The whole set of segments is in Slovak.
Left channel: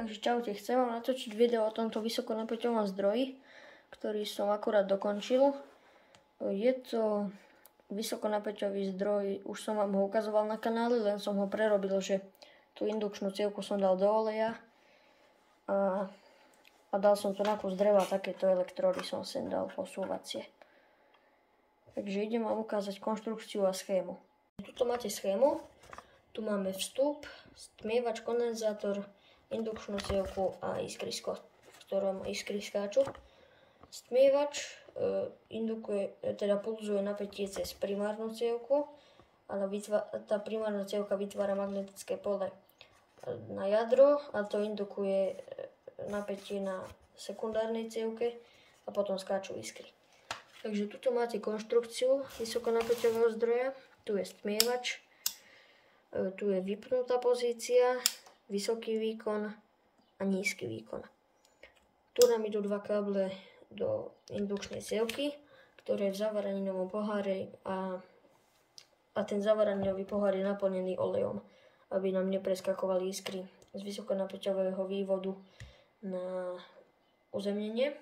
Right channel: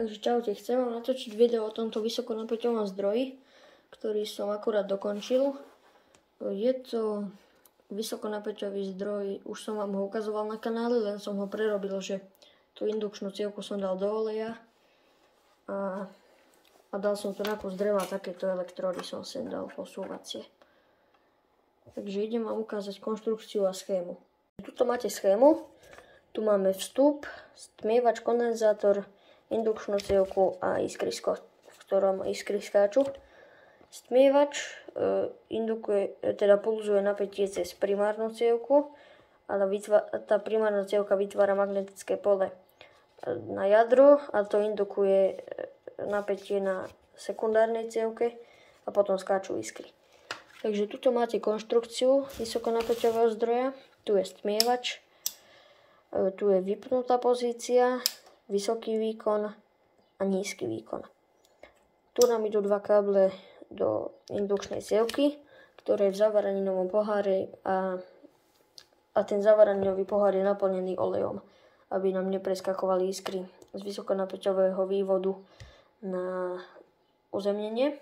Takže čaute, chcem vám natočiť video o tomto vysokonapäťovom zdroji, ktorý som akurát dokončil. Je to vysokonapäťový zdroj, už som vám ho ukazoval na kanáli, len som ho prerobil, že tú indukčnú cievku som dal do oleja a dal som to na kus dreva, takéto elektrody som sem dal posúvacie. Takže idem vám ukázať konštrukciu a schému. Tuto máte schému, tu máme vstup, stmievač, kondenzátor, indukčnú cievku a iskrisko, v ktorom iskry skáču. Stmievač teda pulzuje napätie cez primárnu cievku, ale tá primárna cievka vytvára magnetické pole na jadro a to indukuje napätie na sekundárnej cievke a potom skáču iskry. Takže tuto máte konštrukciu vysokonapäťového zdroja, tu je stmievač, tu je vypnutá pozícia, vysoký výkon a nízky výkon. Tu nám idú dva káble do indukčnej cievky, ktoré je v zavaraninovom pohári a ten zavaraninový pohár je naplnený olejom, aby nám nepreskakovali iskry z vysokonapäťového vývodu na uzemnenie.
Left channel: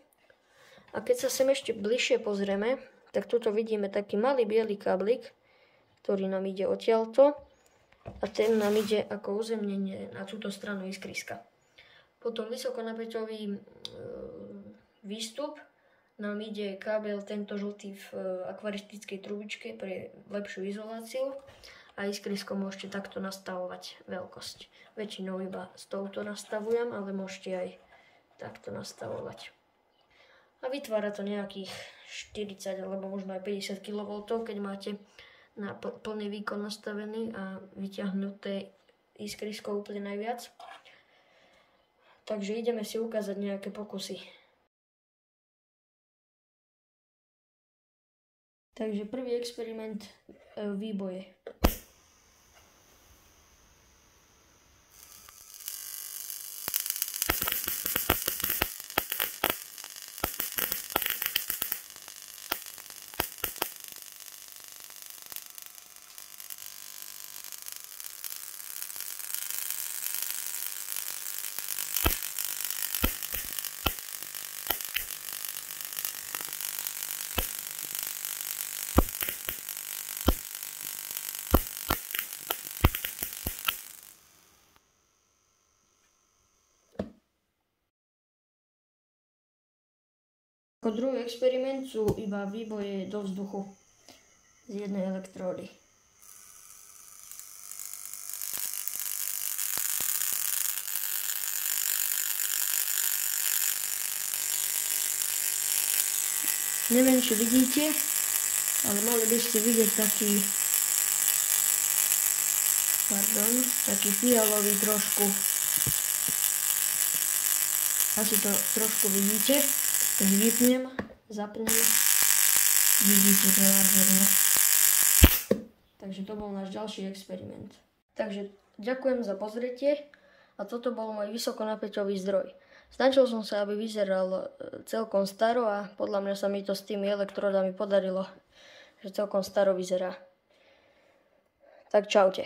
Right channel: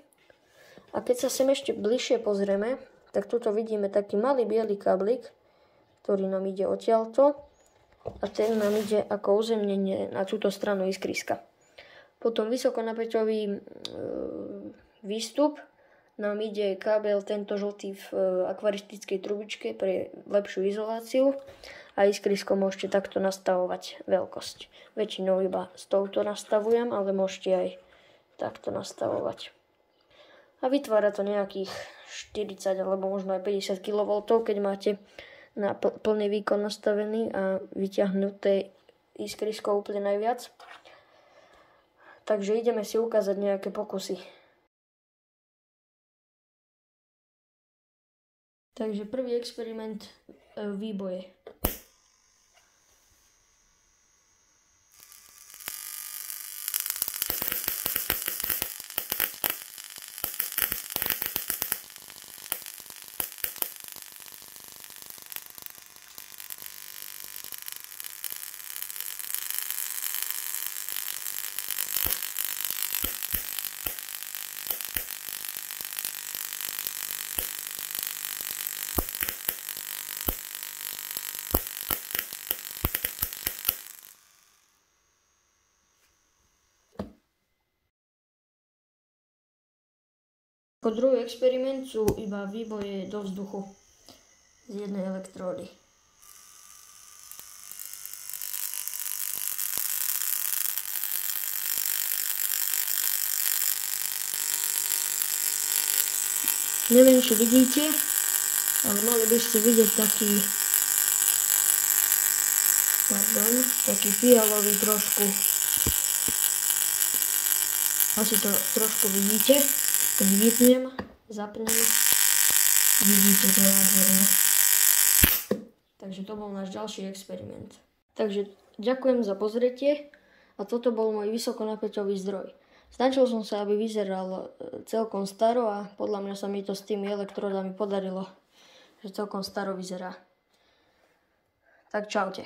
A keď sa sem ešte bližšie pozrieme, tak tuto vidíme taký malý biely káblik, ktorý nám ide odtiaľto a ten nám ide ako uzemnenie na túto stranu iskriska. Potom vysokonapäťový výstup nám ide kábel tento žltý v akvaristickej trubičke pre lepšiu izoláciu a iskrisko môžete takto nastavovať veľkosť. Väčšinou iba s touto nastavujem, ale môžete aj takto nastavovať. A vytvára to nejakých 40 alebo možno aj 50 kV, keď máte na plný výkon nastavený a vyťahnuté iskrisko úplne najviac. Takže ideme si ukázať nejaké pokusy. Takže prvý experiment výboje. Ako druhý experiment sú iba výboje do vzduchu z jednej elektródy. Neviem, či vidíte, ale mali by ste vidieť taký fialový trošku. Asi to trošku vidíte. Keď vypnem, zapnem, vidíte to nádherne. Takže to bol náš ďalší experiment. Takže ďakujem za pozretie a toto bol môj vysokonapäťový zdroj. Snažil som sa, aby vyzeral celkom staro a podľa mňa sa mi to s tými elektrodami podarilo, že celkom staro vyzerá. Tak čaute.